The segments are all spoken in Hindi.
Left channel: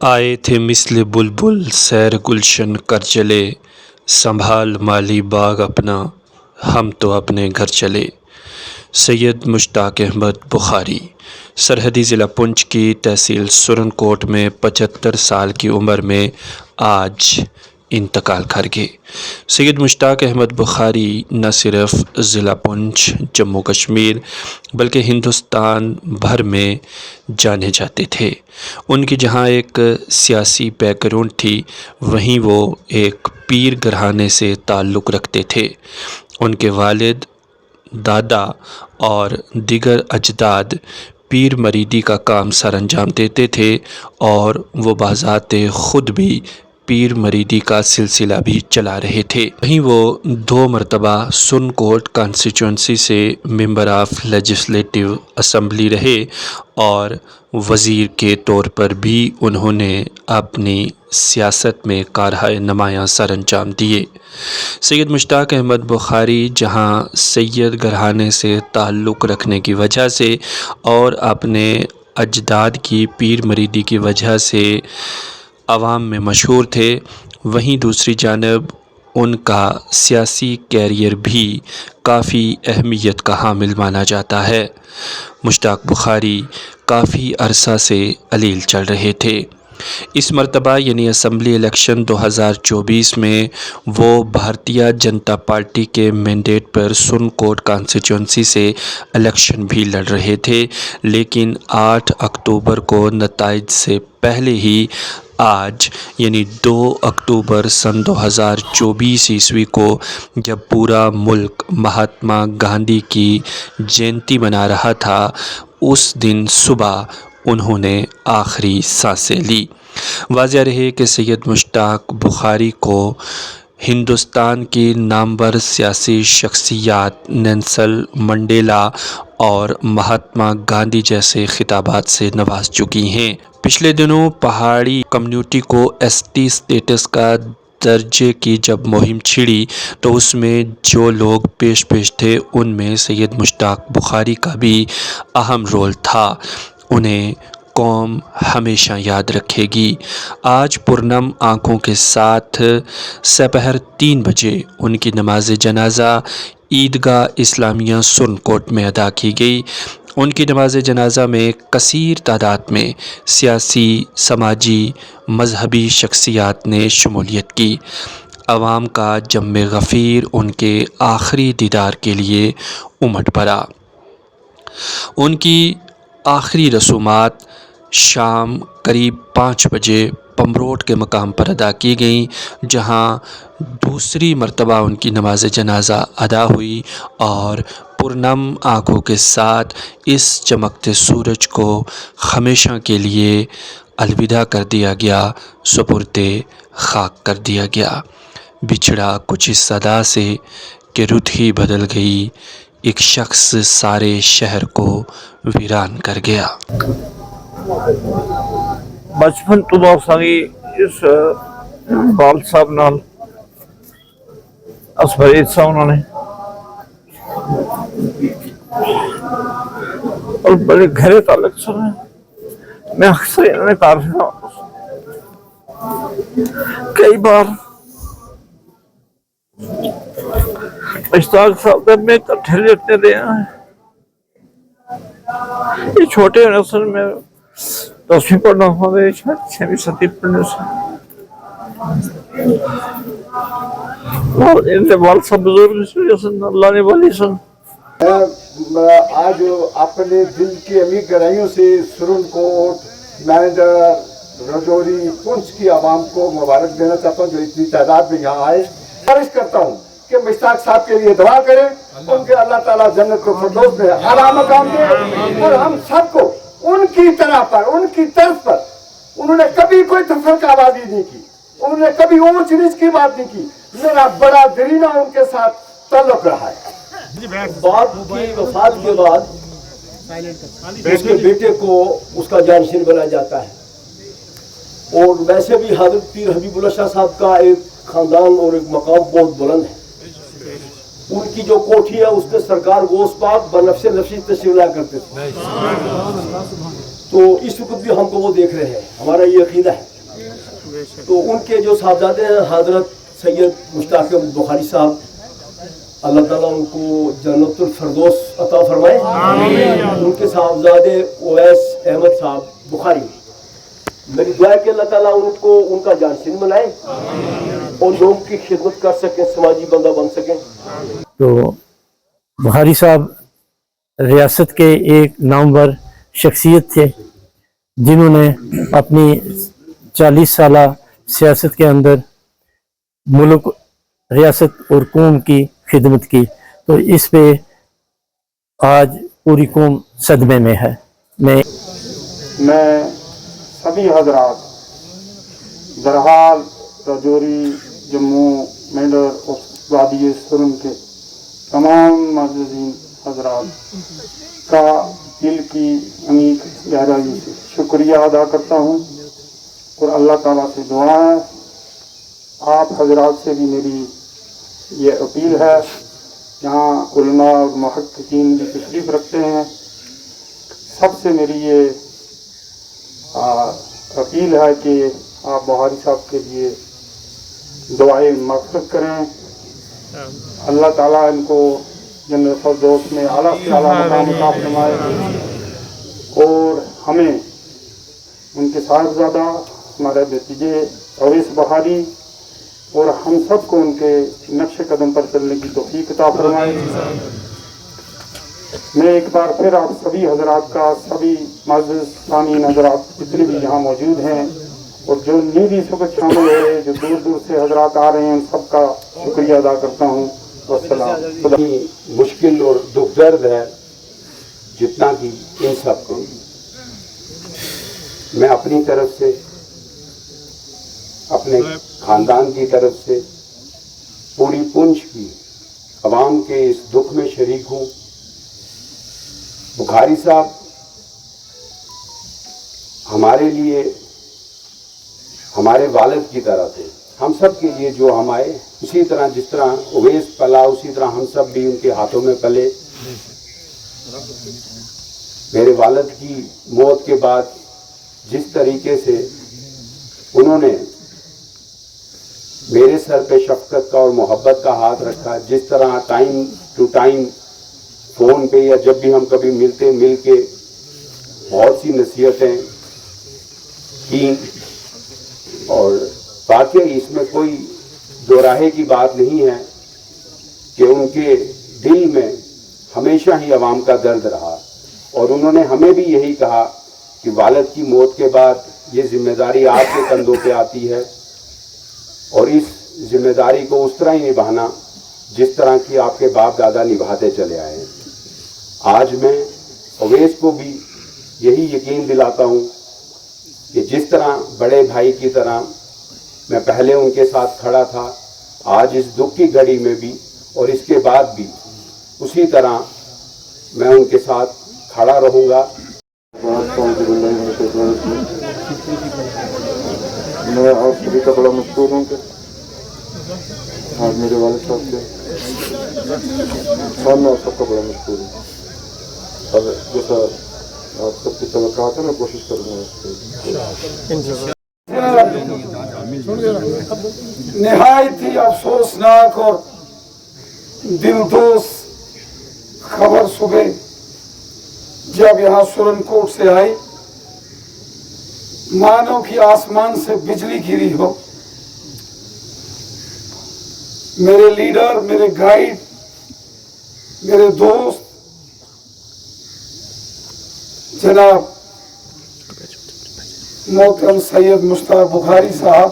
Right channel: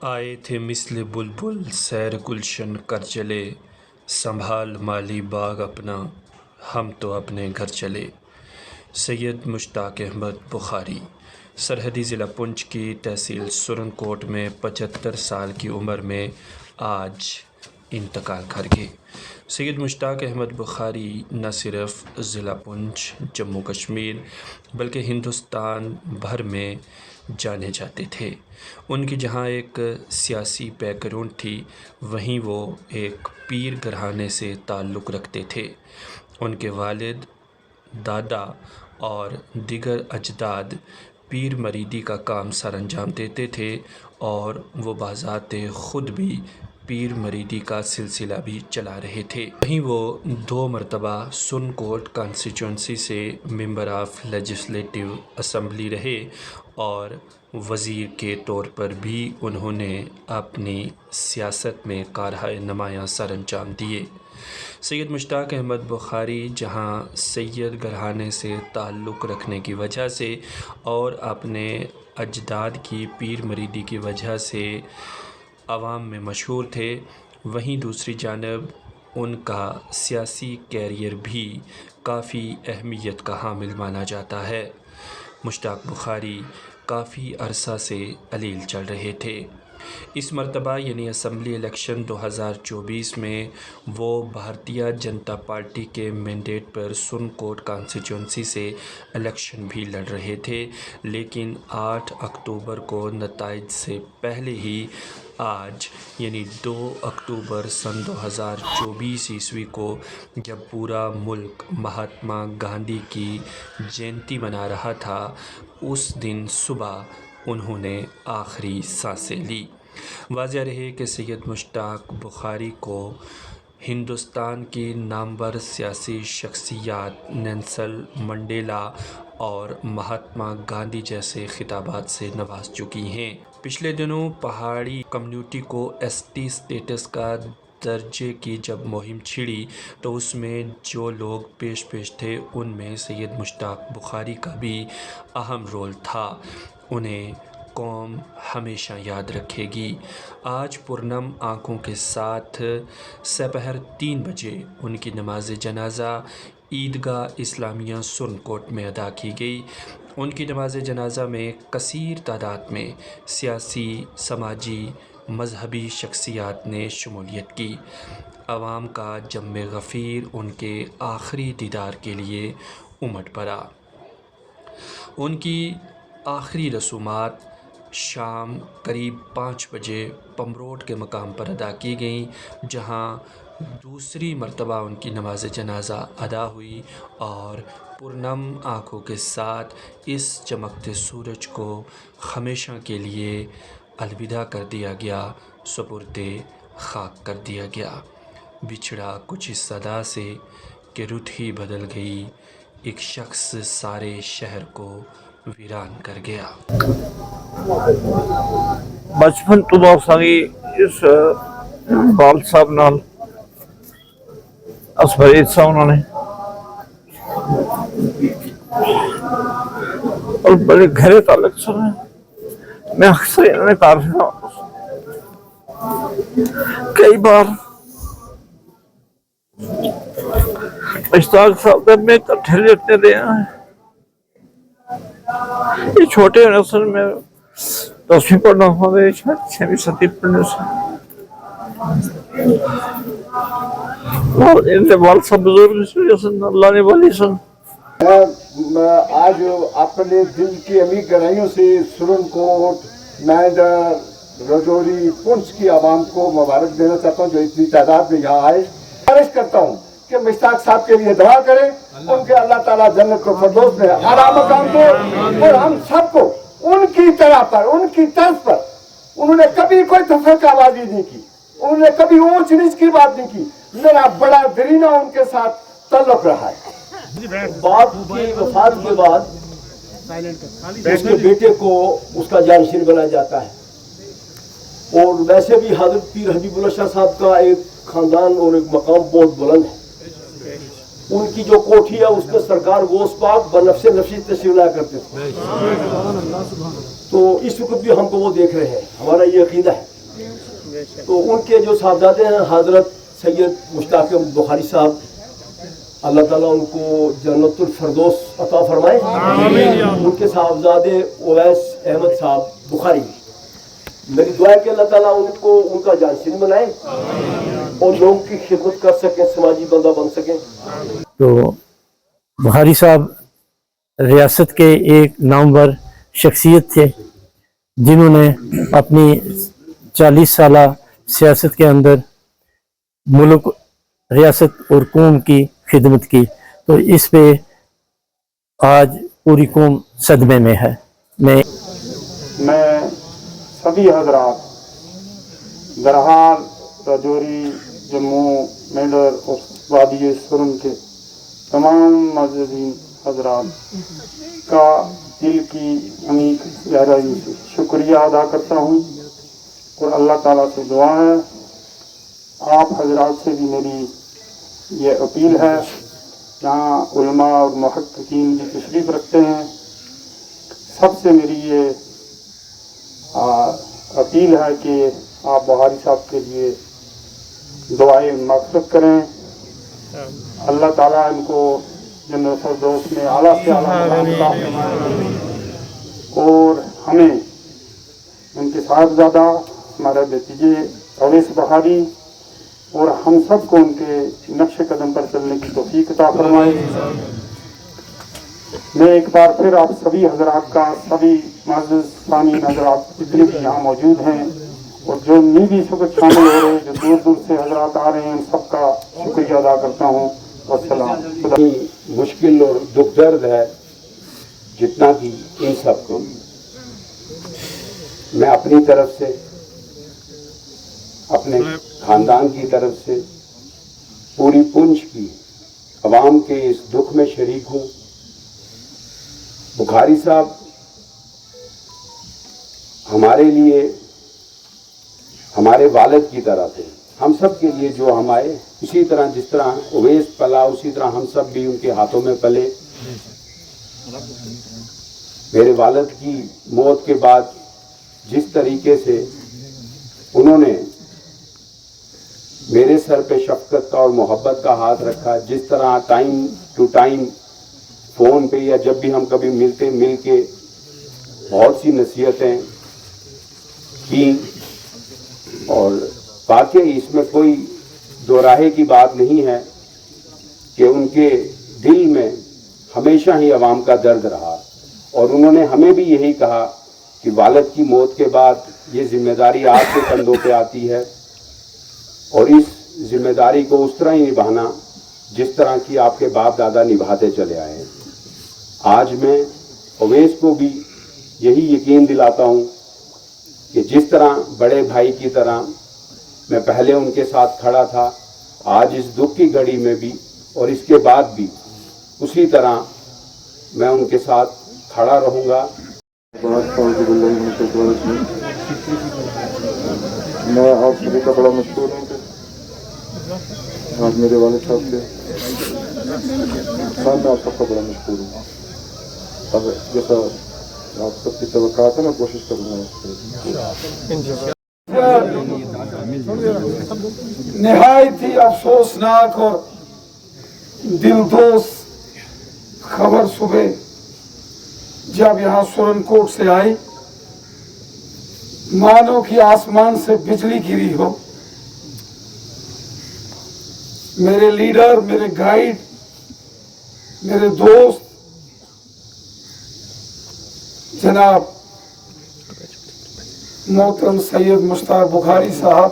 आए थे मिस्ल बुलबुल सैर गुलशन कर चले, संभाल माली बाग अपना, हम तो अपने घर चले। सैयद मुश्ताक अहमद बुखारी सरहदी ज़िला पुंछ की तहसील सुरनकोट में 75 साल की उम्र में आज इंतकाल कर गए। सैयद मुश्ताक अहमद बुखारी न सिर्फ ज़िला पुंछ जम्मू कश्मीर बल्कि हिंदुस्तान भर में जाने जाते थे। उनकी जहां एक सियासी बैकग्राउंड थी, वहीं वो एक पीर घराने से ताल्लुक़ रखते थे। उनके वालिद, दादा और दीगर अजदाद पीर मरीदी का काम सर अंजाम देते थे और वो बाज़ाते ख़ुद भी पीर मरीदी का सिलसिला भी चला रहे थे। वहीं वो 2 मरतबा सुरनकोट कॉन्स्टिट्यूंसी से मेंबर ऑफ लेजिस्लेटिव असम्बली रहे और वज़ीर के तौर पर भी उन्होंने अपनी सियासत में कारहाय नुमायाँ सर अंजाम दिए। सैयद मुश्ताक अहमद बुखारी जहां सैयद घराने से ताल्लुक़ रखने की वजह से और अपने अजदाद की पीर मरीदी की वजह से आवाम में मशहूर थे, वहीं दूसरी जानब उनका सियासी कैरियर भी काफ़ी अहमियत का हामिल माना जाता है। मुश्ताक बुखारी काफ़ी अरसा से अलील चल रहे थे। इस मरतबा यानी असम्बली इलेक्शन 2024 में वो भारतीय जनता पार्टी के मैंडेट पर सुरनकोट कॉन्स्टिट्यूंसी से इलेक्शन भी लड़ रहे थे, लेकिन 8 अक्टूबर को नताइज से पहले ही आज यानी 2 अक्टूबर सन 2024 ईस्वी को जब पूरा मुल्क महात्मा गांधी की जयंती मना रहा था, उस दिन सुबह उन्होंने आखिरी सांसें ली। वाज़ेह रहे कि सैयद मुश्ताक बुखारी को हिंदुस्तान की नामवर सियासी शख्सियात नेल्सन मंडेला और महात्मा गांधी जैसे खिताबात से नवाज चुकी हैं। पिछले दिनों पहाड़ी कम्युनिटी को एसटी स्टेटस का दर्जे की जब मुहिम छिड़ी तो उसमें जो लोग पेश थे, उनमें सैयद मुश्ताक बुखारी का भी अहम रोल था। उन्हें कौम हमेशा याद रखेगी। आज पुरनम आँखों के साथ सपहर 3 बजे उनकी नमाज जनाजा ईदगाह इस्लामिया सुरनकोट में अदा की गई। उनकी नमाज जनाजा में कसीर तादाद में सियासी, समाजी, मजहबी शख्सियात ने शमूलियत की। आवाम का जम्मे गफ़ीर उनके आखिरी दीदार के लिए उमड़ पड़ा। उनकी आखिरी रसूमात शाम करीब 5 बजे पमरोट के मकाम पर अदा की गई, जहां दूसरी मरतबा उनकी नमाज जनाजा अदा हुई और पुरनम आँखों के साथ इस चमकते सूरज को हमेशा के लिए अलविदा कर दिया गया, सुपुर्दे खाक कर दिया गया। बिछड़ा कुछ इस सदा से कि रुत ही बदल गई, एक शख्स सारे शहर को वीरान कर गया। बचपन तो बहुत सारी इस बाल साहब नाल असफरीद साहब उन्होंने और बड़े गहरे ताल्लुक सुने। मैं अक्सर इन्होंने कई बार मुश्ताक साहब में इकट्ठे लेटने दे हैं। ये छोटे असल में 10वीं पढ़ना हमारे 6वीं 7वीं पढ़ने से और इनके बाल सब बुजुर्ग अल्लाह ने वाली सन। आज अपने दिल की अमीर गहराइयों से सुरनकोट, मेंढर, राजौरी, पुंछ की आवाम को मुबारक देना चाहता हूँ जो इतनी तादाद में यहाँ आए। गुजारिश करता हूँ कि मुश्ताक साहब के लिए दुआ करें, उनके अल्लाह ताला जन्नत को फिरदौस में आला मकाम दे और हम सबको उनकी तरह पर, उनकी तर्ज पर उन्होंने कभी कोई तफरीकाबाजी नहीं की, उन्होंने कभी ऊंच नीच की बात नहीं की। मेरा बड़ा दरीना उनके साथ ताल्लुक रहा है। बाप की वफात के बाद उसके बेटे को उसका जानशीन बनाया जाता है और वैसे भी हज़रत पीर हबीबुल्लाह शाह साहब का एक खानदान और एक मकाम बहुत बुलंद है। उनकी जो कोठी है उस पर सरकार गोश पाक बनफ्से नफ्सी तशरीफ लाया करते थे। तो इस वक्त भी हमको वो देख रहे हैं, हमारा ये अकीदा है। तो उनके जो साहबजादे हैं हजरत सैयद मुश्ताक अहमद बुखारी साहब, अल्लाह ताला उनको जन्नतुल फरदौस अता फरमाए। उनके साहबजादे उवैस अहमद साहब बुखारी, मेरी दुआ है कि अल्लाह ताला उनको उनका जानशीन बनाए और लोगों की खिदमत कर सके, समाजी बंदा बन सके। तो बुखारी साहब रियासत के एक नामवर शख्सियत थे जिन्होंने अपनी 40 साला सियासत के अंदर मुल्क, रियासत और कौम की खिदमत की। तो इस पे आज पूरी कौम सदमे में है। मैं सभी हजरात दरहाल, राजौरी, जम्मू, मेंढर और वादी सुरन के तमाम मौजूदीन हजरात का दिल की अमीर गहराई से शुक्रिया अदा करता हूँ और अल्लाह ताला से दुआ है, आप हजरात से भी मेरी ये अपील है, जहाँ उलमा और मुहक्किकीन भी तशरीफ़ रखते हैं, सबसे मेरी ये अपील है कि आप बुखारी साहब के लिए दुआएं मग़फ़िरत करें। अल्लाह ताला इनको जन्नत फ़िरदौस में आला से आला मकाम अता फरमाए और हमें उनके साहबज़ादा, हमारे भतीजे अवैस बुखारी और हम सब को उनके नक्शे कदम पर चलने की तौफीक अता फरमाए। मैं एक बार फिर आप सभी हजरात का, सभी मौजूद सामीन हजरात जितने भी यहाँ मौजूद हैं और जो नींद इस वक्त शामिल हुए, जो दूर दूर से हजरात आ रहे हैं, उन सबका शुक्रिया अदा करता हूँ। वस्सलाम। मुश्किल और दुख दर्द है जितना कि इन सबको मैं अपनी तरफ से, अपने खानदान की तरफ से, पूरी पुंछ की अवाम के इस दुख में शरीक हूँ। बुखारी साहब हमारे लिए हमारे वालिद की तरह थे, हम सब के लिए जो हम आए, इसी तरह जिस तरह उवैस पला उसी तरह हम सब भी उनके हाथों में पले। मेरे वालिद की मौत के बाद जिस तरीके से उन्होंने मेरे सर पे शफकत का और मोहब्बत का हाथ रखा, जिस तरह टाइम टू टाइम फ़ोन पे या जब भी हम कभी मिलते मिल के बहुत सी नसीहतें की, और वाकई इसमें कोई दोराहे की बात नहीं है कि उनके दिल में हमेशा ही अवाम का दर्द रहा और उन्होंने हमें भी यही कहा कि वालिद की मौत के बाद ये जिम्मेदारी आपके कंधों पे आती है और इस जिम्मेदारी को उस तरह ही निभाना जिस तरह की आपके बाप दादा निभाते चले आए हैं। आज मैं उवैस को भी यही यकीन दिलाता हूँ कि जिस तरह बड़े भाई की तरह मैं पहले उनके साथ खड़ा था, आज इस दुख की घड़ी में भी और इसके बाद भी उसी तरह मैं उनके साथ खड़ा रहूँगा। मैं आप सभी का बड़ा मशहूर हूँ कि आज मेरे वालिद साहब के सामने आप सबका बड़ा मशहूर हूँ। अब जैसा आप सबकी तवक्कात है, मैं कोशिश करूँगा। निहायत ही अफसोसनाक और दिलदोज खबर सुबह जब यहाँ सुरनकोट से आई, मानो कि आसमान से बिजली गिरी हो। मेरे लीडर, मेरे गाइड, मेरे दोस्त जनाब मोहतरम सैयद मुश्ताक बुखारी साहब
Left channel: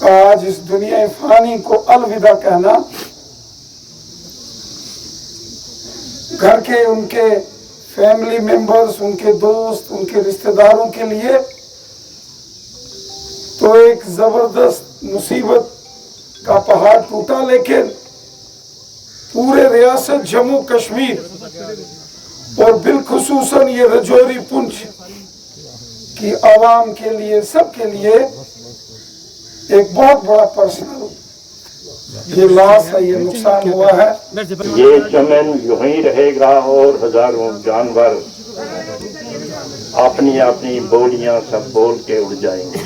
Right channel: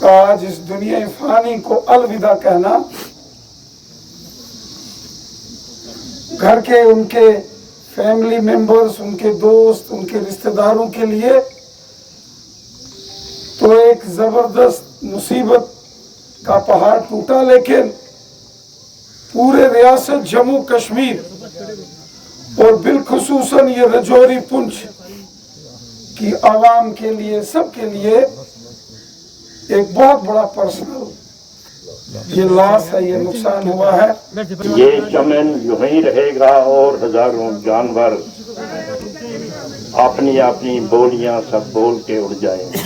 का आज इस दुनिया फानी को अलविदा कहना, घर के उनके फैमिली मेंबर्स, उनके दोस्त, उनके रिश्तेदारों के लिए तो एक जबरदस्त मुसीबत का पहाड़ टूटा, लेकिन पूरे रियासत जम्मू कश्मीर और बिलखुसूसन ये राजौरी पुंछ की आवाम के लिए, सबके लिए एक बहुत बड़ा पर्सनल ये लॉस है, ये नुकसान हुआ है। ये चमन यूं ही रहेगा और हजारों जानवर अपनी अपनी बोलियां सब बोल के उड़ जाएंगे।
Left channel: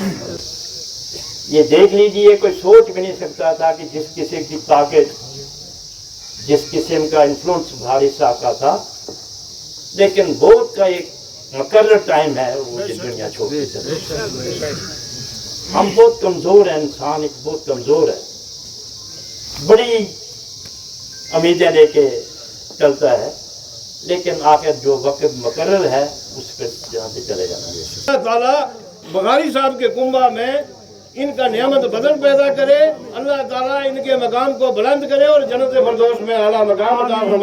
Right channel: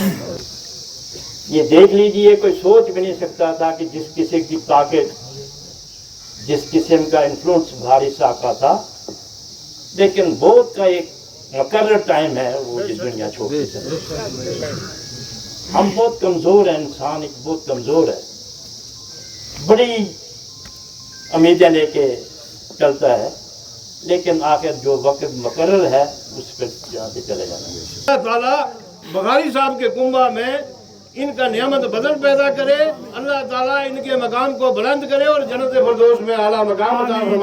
ये देख लीजिए, कोई सोच भी नहीं सकता था कि जिस किसी की ताकत, जिस किस्म का इन्फ्लुएंस भारी शाह का था, लेकिन बहुत का एक मुकर्रर टाइम है वो ये दुनिया छोड़ के चले। हम बहुत कमज़ोर हैं, इंसान एक बहुत कमज़ोर है, बड़ी उम्मीदें लेके चलता है, लेकिन आखिर जो वक्त मुकर्रर है उस पर यहाँ से चले जाएंगे। अल्लाह ताला बखारी साहब के कुंबा में इनका नियामत बदल पैदा करे, अल्लाह ताला इनके मकाम को बुलंद करे और जन्नत फिरदौस में आला मकाम अता फरमाए।